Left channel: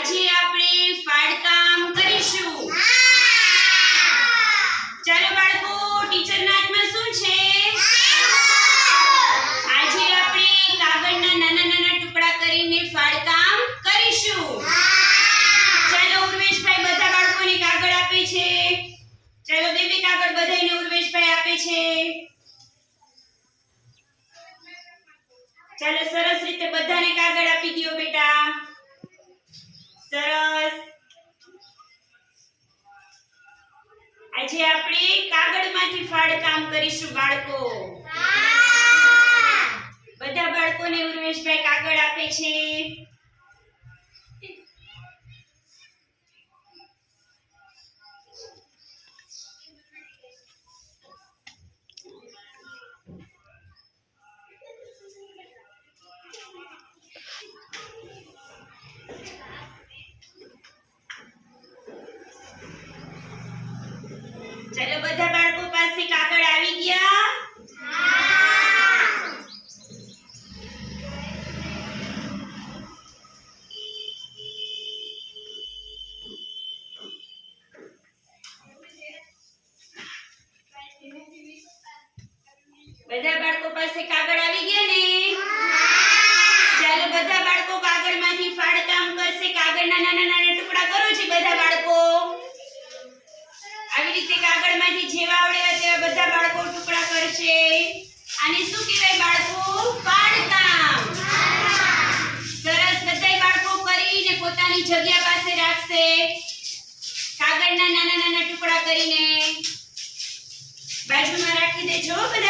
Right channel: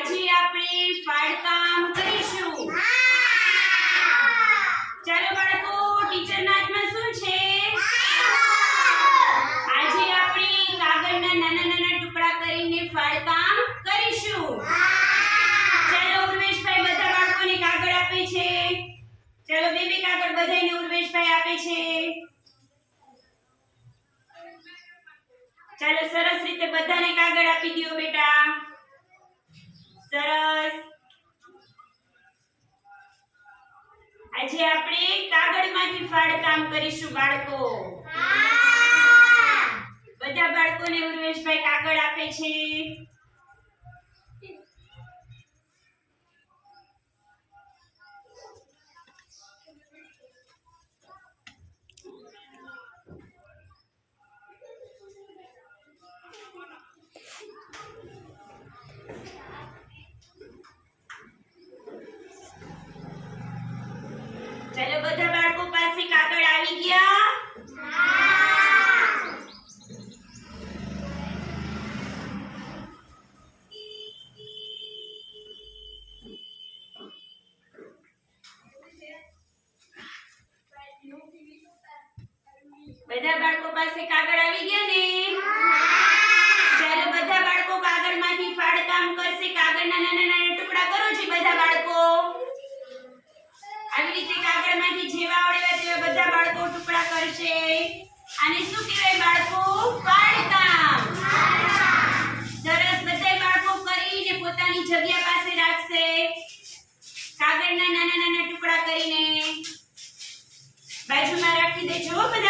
આજે આપણે ફાડકામ કરીશું. ચાલો બાળકો ટીચરના હાથમાં શું છે? આજે આપણે કાગળના નાના નાના ટુકડા કરીને ફાળકામ કરીશું. ચાલો, ઉર્વેશભાઈ બધા બાળકોને કાગળ આપે છે. ચાલો, બે બે કાગળ બધાને ઉર્વેશભાઈ આપે છે. ચાલો, સરસ રીતે બધાને કાગળ આપી દો બેટા. સરસ. આજે આપણે કાગળમાંથી ફાડકામ કરીશું બાળકો. બધા બાળકોને ઉર્વેશભાઈ કાગળ આપે છે. બધા બાળકો પાસે કાગળ આવી ગયા ને? ચાલો બધા બાળકો કાગળમાંથી ફાડકામ કરશે. કાગળના નાના નાના ટુકડા કરો છે બધા બાળકો? આવી રીતે કાગળમાંથી જેવા આવડે તેવા બધા બાળકો ટુકડા કરશે. આને શું કહેવાય બાળકો? ફાડકામ. સરસ બધા બાળકો કરીને પોતાની જગ્યા પાસે રાખશે. કાગળના નાના નાના ટુકડા કરીને. બાજુમાં રાખી દેજો બધા.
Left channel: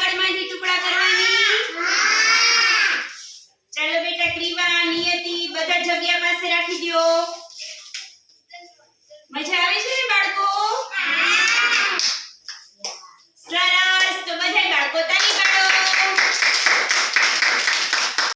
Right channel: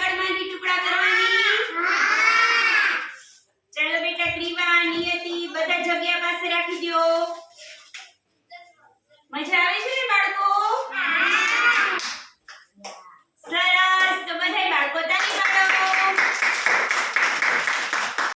ટુકડા કરવાની. ચાલો બેટા ક્રીવા નિયતિ બધા જગ્યા પાસે રાખી દો મજા આવે?